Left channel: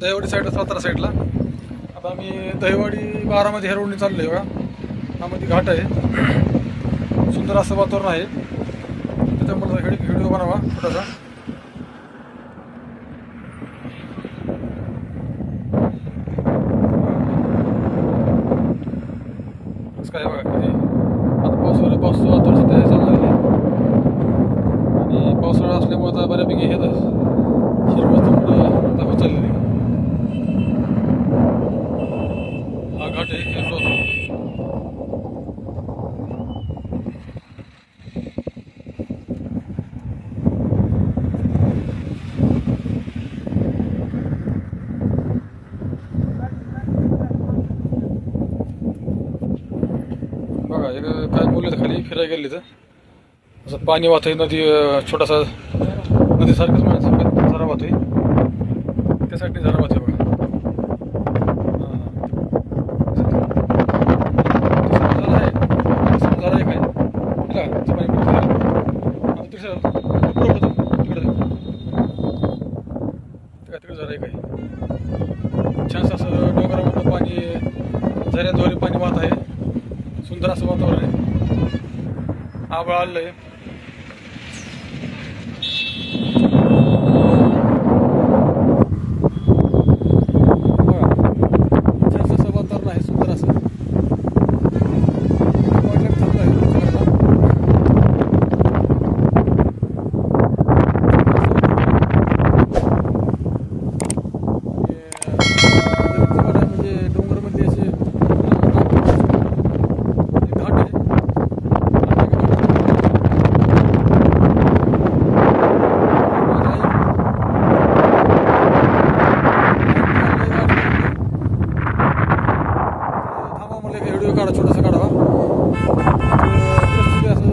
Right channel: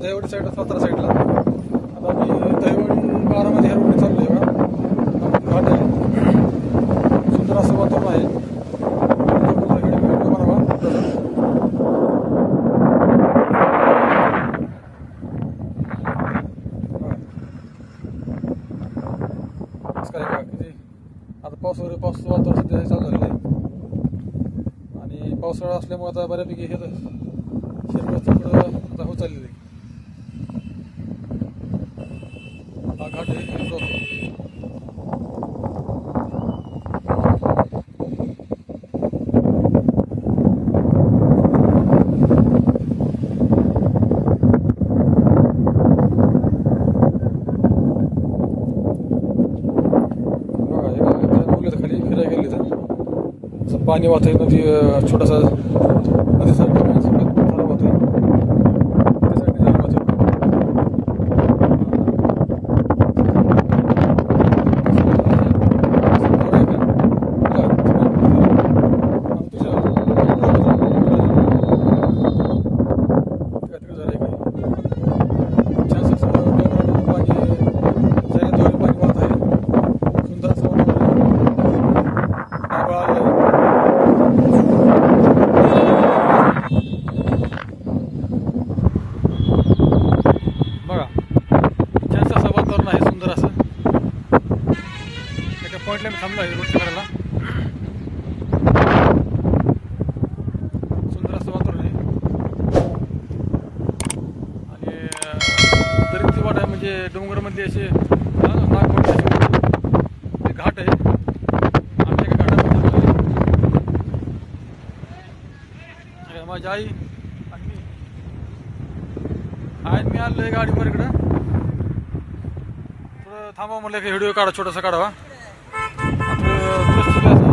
दहिवडी साईडला, सातारा साईडला. आता मी दहिवडी बारामध्ये ह्या रोडने चाललो आहे बघा. हा मध्ये घाट आहे, सुंदर असं वातावरण आहे. त्याच्यामुळे व्हिडिओ बनावा थोडासा. काय बघा किती आता पावसाचं वातावरण सध्या चाललं आहे. आणि पावसाळा असल्यामुळे आता बऱ्यापैकी हे हिरवळ थोडं दाखवत चाललेली. हा घाट आहे हिरवळ. बघा काय बोलले तर खाली फिरायला गेले तर असं पाणी वाहतंय. नदी छोटासा नदीसारखं माणसारखं झरा वाहतोय. त्यासाठी झरा वाहतोय बघा. झरा आहे काय तिकडे झरा आहे काय. छान असं डोंगरामधून पाणी झऱ्याद्वारे पाणी वाहत आहे. सुंदर असं वातावरण आहे. आभाळ आलेलं आहे. बघा जास्त असं वातावरण आहे, सुंदर असं. एका पॉईंटला मी थांबलो आहे रोडच्या कडेला. सुंदर असं वातावरण आहे. आणि दरीची वाट आहे, म्हणजे डोंगरामध्ये असे घाट आहे. थांबा म्हणलं की व्हिडिओ काढा, छोटासा काढावा. परिस्थिती असं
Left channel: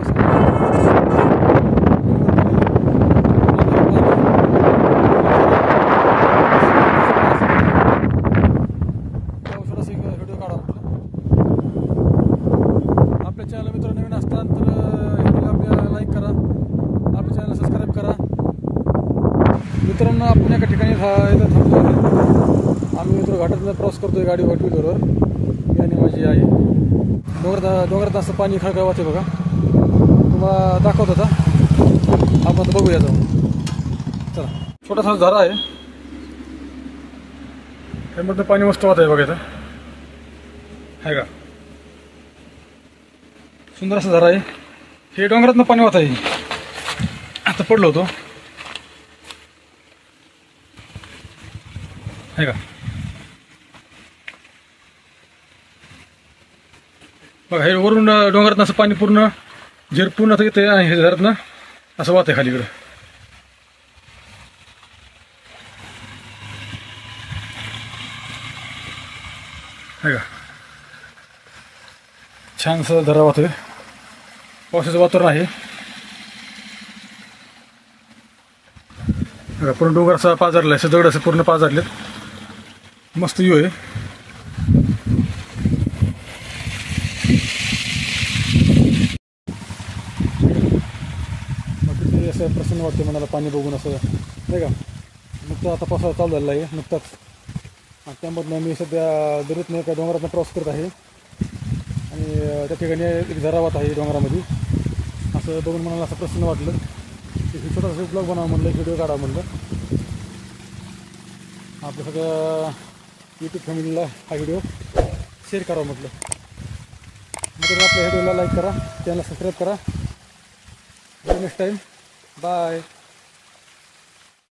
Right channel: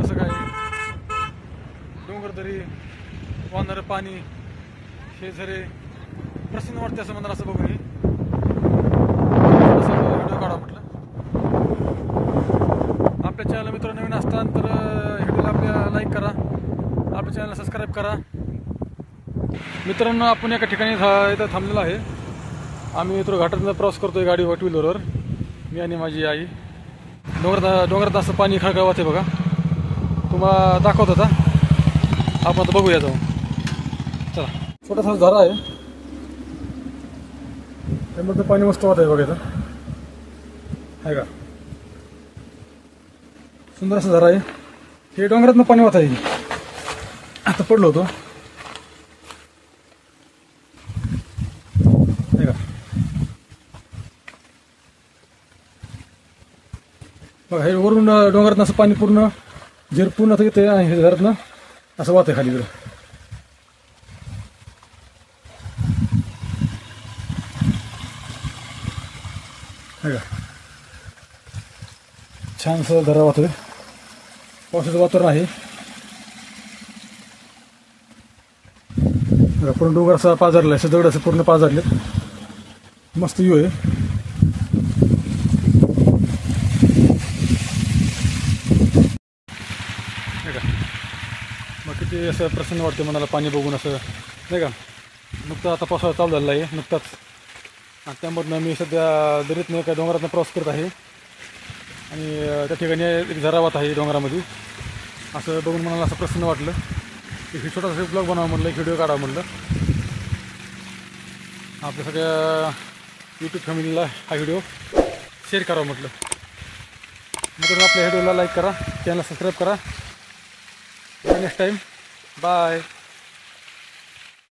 कसं काय डोंगर तरी पाणी छोटासा व्हिडिओ काढा म्हटलं. आपल्या चॅनल मित्र नवीन असताना तर व्हिडिओला आपल्या लाईक करा, आपल्या चॅनलला सबस्क्राईब करा. मित्रांनो, आपण एका ठिकाणी इथं थांबलेलो आहे. आम्ही इथं घाटातून प्रवास करतोय गाडी टू व्हीलरवर, मी आणि माझी आई. डोंगरात असं पाणी खळखळ वाहते बघा. तुम्हाला दाखवत होता, आपण आता बघूया जाऊन. चला, छोटासा झरा आहे, त्यामध्ये पाणी मस्त वाहत आहे बघा. इथं आहे का सुंदर असं झरा आहे. हे डोंगरातनं पाणी वाहत आहे. आता पडलो होतो आहे का. बघा हे वरून डोंगरातनं असं पाणी पूर्ण पूर्ण आता येते आणि हे झऱ्यातनं असं वाहतंय खाली इकडं. आहे का छान असं झरा वाहतोय. पावसाचं वातावरण आहे. पूर्ण डोंगर असा पाजारला आहे, दगड असं पूर्ण पाजारलेत. मस्त व्ह्यू आहे. मग किती असं प्रसन्न वाटते मनाला पाणी बघून असं, नाही का. नुकतं आता पावसाळा चालू झालेला आहे नुकताच. आणि त्यामधनं मी सध्या दरीतनं एका डोंगरातनं प्रवास करत आहे. आणि त्या ठिकाणी एक झरा वाहत आहे डोंगरामध्ये. असं बघून मनाला असं प्रसन्न वाटलं. एक छोटासा ब्लॉग बनावं म्हणलं, एक व्हिडिओ काढावं म्हणलं. आपल्या सगळ्या यूट्यूब फॅमिलीला हा व्हिडिओ शेअर करावा म्हटलं. मित्रांनो, आपल्या व्हिडिओला लाईक करा, चॅनलला सबस्क्राईब करा. Next time bye.